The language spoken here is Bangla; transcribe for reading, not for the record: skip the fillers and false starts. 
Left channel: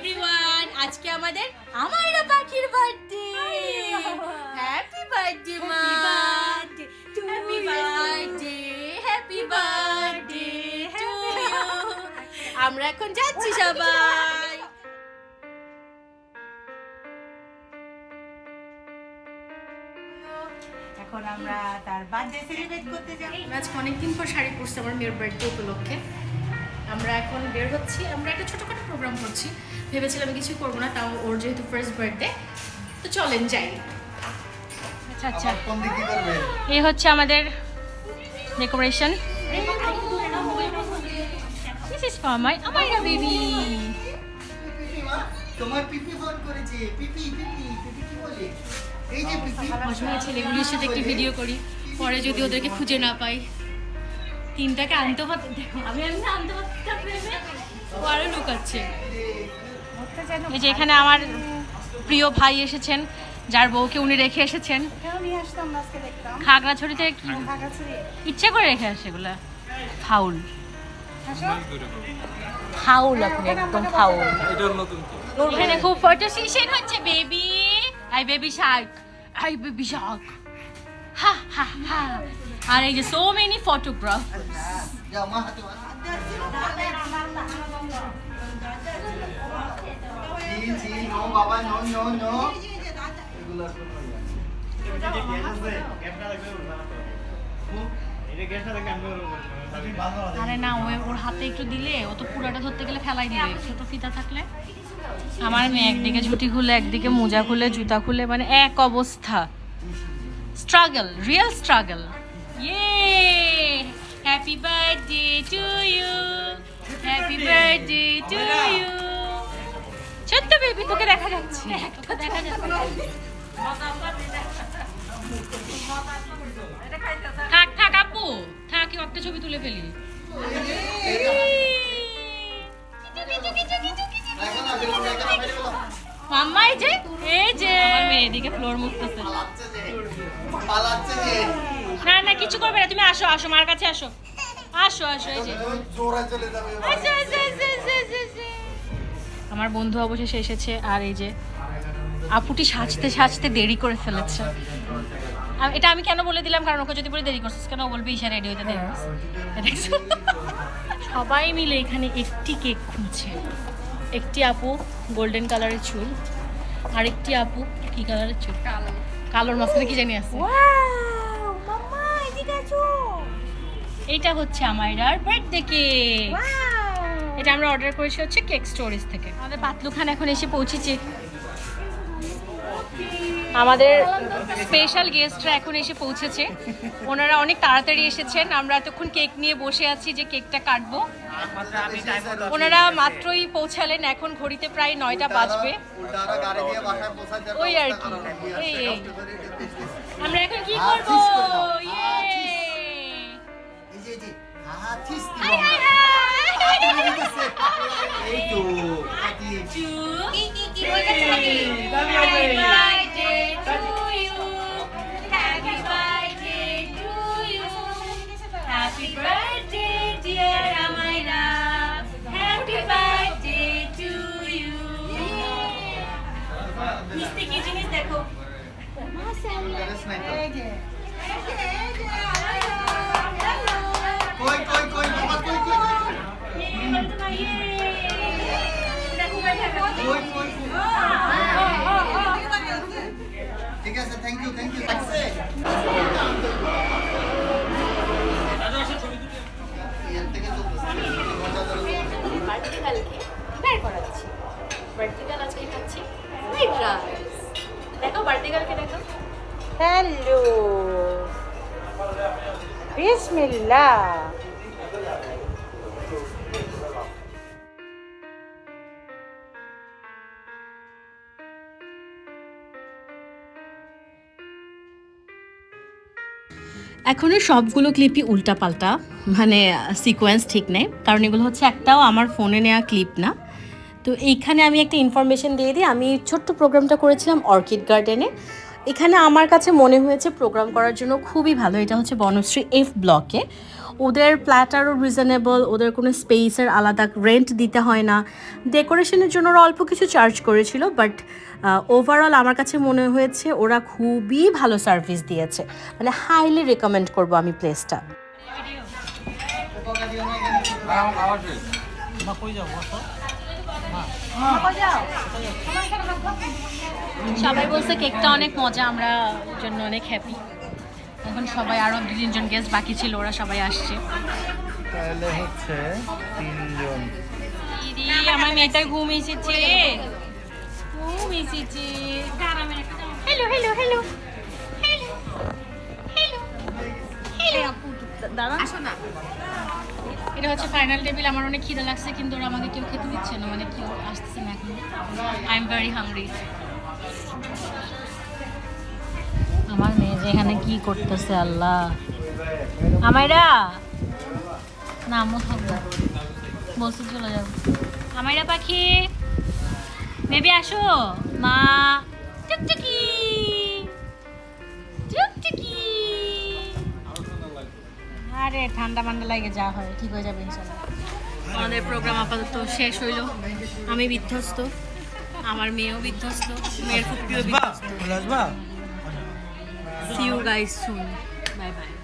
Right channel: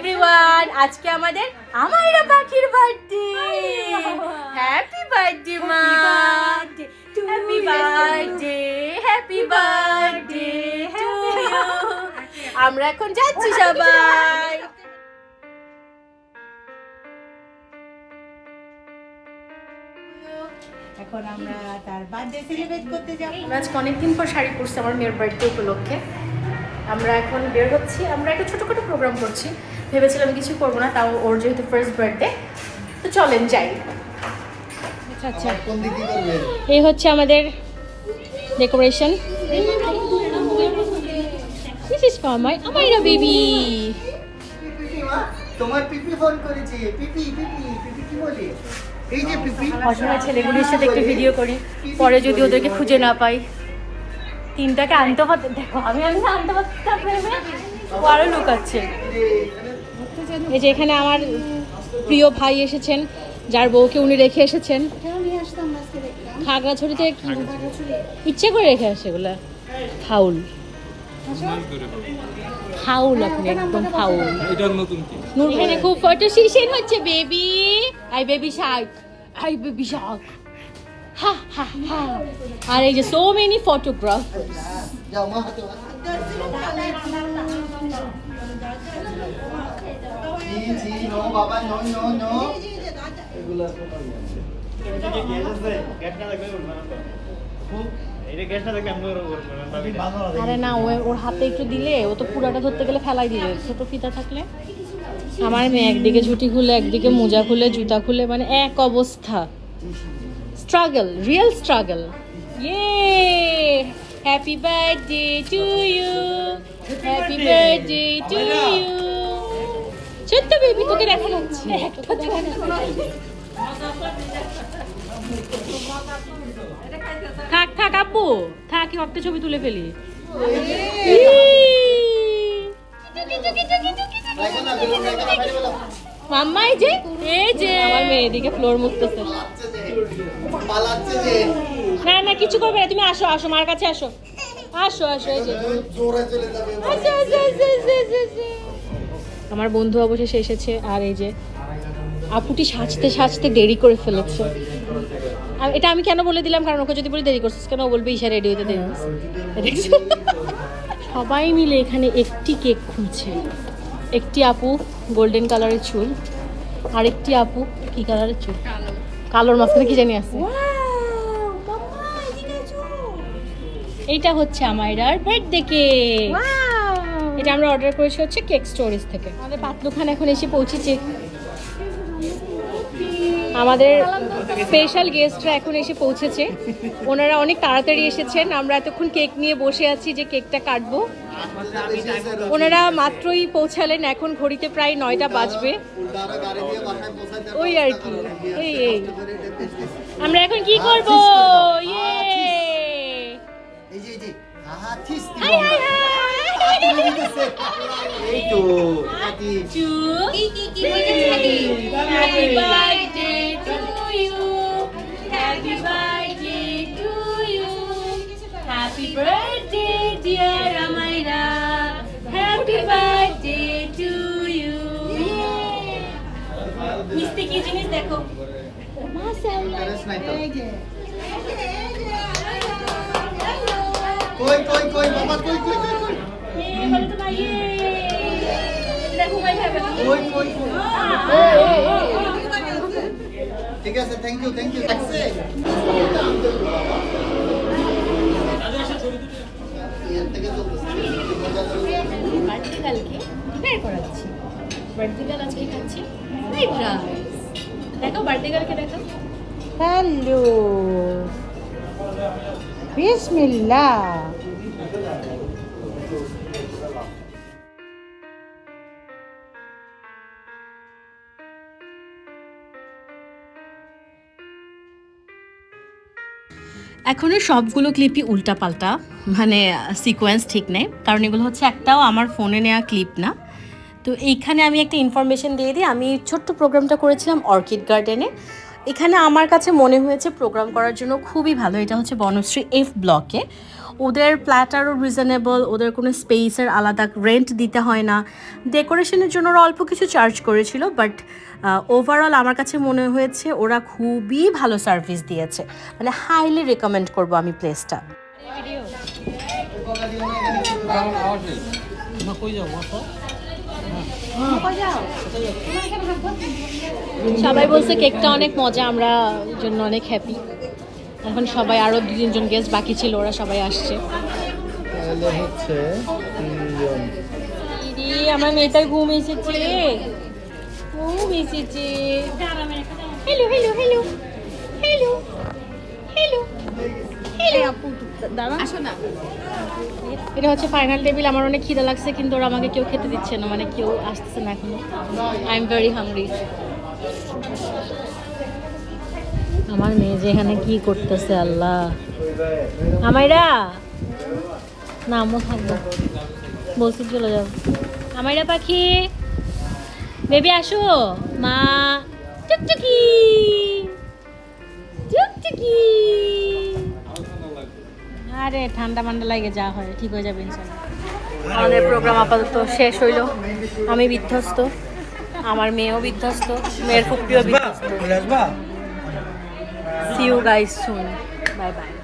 এভরিওয়ান, আজকে আমাদের আমাইরা পাখির বার্থডে। হ্যাপি বার্থডে মা, happy birthday, happy birthday to you. আমরা এখন যাচ্ছি সবাই। এখন আমরা তার বার্থডে সেলিব্রেট করতে যাব। আমরা আজকে অনেকদিন পর শাড়ি পরছি আমার মেয়ের বার্থডে উপলক্ষে। আমরা এখন বের হচ্ছি, আমরা একটা ছোটোখাটো প্রোগ্রাম করছি। ভেবেছিলাম কিছু করবো না, তাও ওর যেহেতু ফার্স্ট বার্থডে, তো চলেন যাই। আচ্ছা আচ্ছা, এই হচ্ছে আমাদের decoration. This is for my Amaira baby. তোমার পিপি ফোন করেছে। পিপি পিপি পিপি কি বলে? এই যে পিপি। অসময় ছেলেগুলির সাথে একটু ভিডিও করি, পরে যদি ওদেরকে খুঁজে না পাই। তিনটাকে আনতে হতে, দেখো আমি না আনতে পারতে আরো লুকাচ্ছে। এই যে এখানে আমার প্রিয় ভাই এসেছেন, যার বউকে উনি রেখে এসেছেন খাগড়াছড়িতে। ইচ্ছে করে রেখে আসে এগুলা, ফাউল ফাউল, আপনি একদম ফাউল। এখানে খুব ফটো সেশন হচ্ছে। Baby I baby shark, I baby shark, হা হা হা। আর এই যে সো মেনি ফটোগ্রাফ। যাও মা হাতে জি জি নো বাবা নো নো নো। এগুলো আরে না, ওর হাতে একটু দিলে, ও তো পুরাটা ধরতে গেলে ফেলাই দিবে। ছোট ফিতা থাকলে। আমার মেয়ে একদিকে ঝুটি খুলে, একদিকে মোজা খুলে, জুতা খুলে, মানে এক অবস্থা। Struggle, real struggle. ইয়ে happy birthday to you, happy birthday to you. ছোট্ট বেবি, তোকে দেখা যাচ্ছে, একটা দেখা যাচ্ছে। থাক থাক আপু, থাক, একটা ছবি তুলে ফেলি। মাম্মা এই যে আমার মেয়ে এদিকে ফ্লোর মুছতেছে। পালাচ্ছে যে। না না, কিছু করবে না, তুমি আসো আসো, মার কাছে আসো, আসো আসো। এই যে জোরে চলে যাবে। আচ্ছা, আচ্ছা, আচ্ছা, আচ্ছা, আচ্ছা। আমার বন্ধু অবশেষে এসেছে। আর এই যে আপুটি সাজতে সাজতে দেরি করে ফেলেছে। আর এটা আমি কেন বলে দিলাম, কারণ ওকে যদি বলি দেরি করছিস কেন, ও বলবে ঈশা রেডি হইতে দেরি হয়েছে। দেখছো? সবাই মিলে এখানে একটি কেক খুঁজছে। একটি আপু গোল্ডেন কালারের চুল, আর একটি আপু কি কালারের চুল, কালোর মাঝখানে কি জানি আছে। এইটা হচ্ছে আমাইরার বার্থডে কেক। এটা আমরা অর্ডার করেছি হচ্ছে কেক স্টোরেজ থেকে। আমাদের পাতলু খান এখন এসে পৌঁছেছে। আমাদের স্পেশাল গেস্টরা এখন এসে পৌঁছেছে। ওনারা অনেক তাড়াতাড়ি এসেছেন। আমরা এতক্ষণ কেক নিয়ে বসে আছি যে কেকটা কাটবো। ওনারা মাত্রই পৌঁছালেন, এখন ঘড়িতে প্রায় 9টা বাজবে। ওই আর কি, আমরা এখন কি করবো? এই যে হ্যাঁ থিস দিবা তাড়াতাড়ি দিতেছে। এই তো আকি Happy birthday to you, happy birthday to you, happy birthday dear Amaira, happy birthday to you. মিষ্টি কি জিনিস দেখো, ইন্টারেস্ট নাই তো। কই কই কই বাবা কই কই কই কই এই বল তো না, ইয়ে দেখো ভাই ভাই কই কই ঠিক আছে থ্যাংক ইউ আছে এর থেকে তো মজা করে কালকে বের করাচ্ছি। বার্থডে গার্ল আজকে খাচ্ছি ফ্রাইড রাইস। দেখো বার্থডে গার্লকে দেখো। হ্যালো বিসমিল্লাহ। এখনো সবগুলো ক্লিপই উল্টাপাল্টা, মানে সিকোয়েন্স ঠিক নেই, কারণ এগুলো হচ্ছে একটাও আমার ফোনে নেওয়া ক্লিপ না। তো এইখানে আমি একটা ইনফরমেশন দিয়ে দিই। আমি ছোট্ট প্রোগ্রামটা করেছিলাম অর্কিড গার্ডেনে। এখানে আমার কাছে মনে হয়েছে প্রোগ্রাম করার জন্য খুবই ভালো। এটা হচ্ছে বনশ্রী F ব্লকে। ওদের প্ল্যাটারও রিজনেবল, ওদের কোনো স্পেসের আলাদা রেন্ট দিতে হয় না। ডেকোরেশনের জন্য ওরা অল্প কিছু চার্জ করেছিল, বাট ওভারঅল আমার কাছে মনে হয়েছে ওরা খুবই ভালো সার্ভিস দিয়েছে, মানে হাইলি রেকমেন্ড করব আমি প্লেসটা। সবাই বলছে কেকটা অনেক মজা, আমরা ওই জন্য অনেক হ্যাপি। এখন সবাই, আরও 2-3 গেস্ট বাকি ছিল, ওরা সবাই আসছে। তাহলে হচ্ছে 3 জন। দিদি আমার মেয়েটার ঘুম এসেছে, ঘুম এসেছে। Hello hello hello hello hello এটা হচ্ছে ফাইনাল টেবিল। আমার অনেক খিদে লাগছে, কিন্তু ওরা আমাকে কেউ খেতে দিচ্ছে না, মানে কেউ আসতেছে না এখন। I am very hungry. আমার মেয়ে যেখানে কি করতেছে আল্লাহ। আমাইরা না আমও থাকবো, বলছি চলে যাবো। আমাইরা পাখি বেবি আসো, মা টুকটুকি টুকটুকি। আরে ঠান্ডা ঠান্ডা লাগে, যা হয় ঠিক হয়ে যাবে ইনশাআল্লাহ। আমাদের প্রোগ্রাম আপাতত শেষ হইলো। আমি বিধ্বস্ত, আমার মেয়েও বিধ্বস্ত, মেয়ের ফুপিও বিধ্বস্ত। See you guys soon. Bye bye.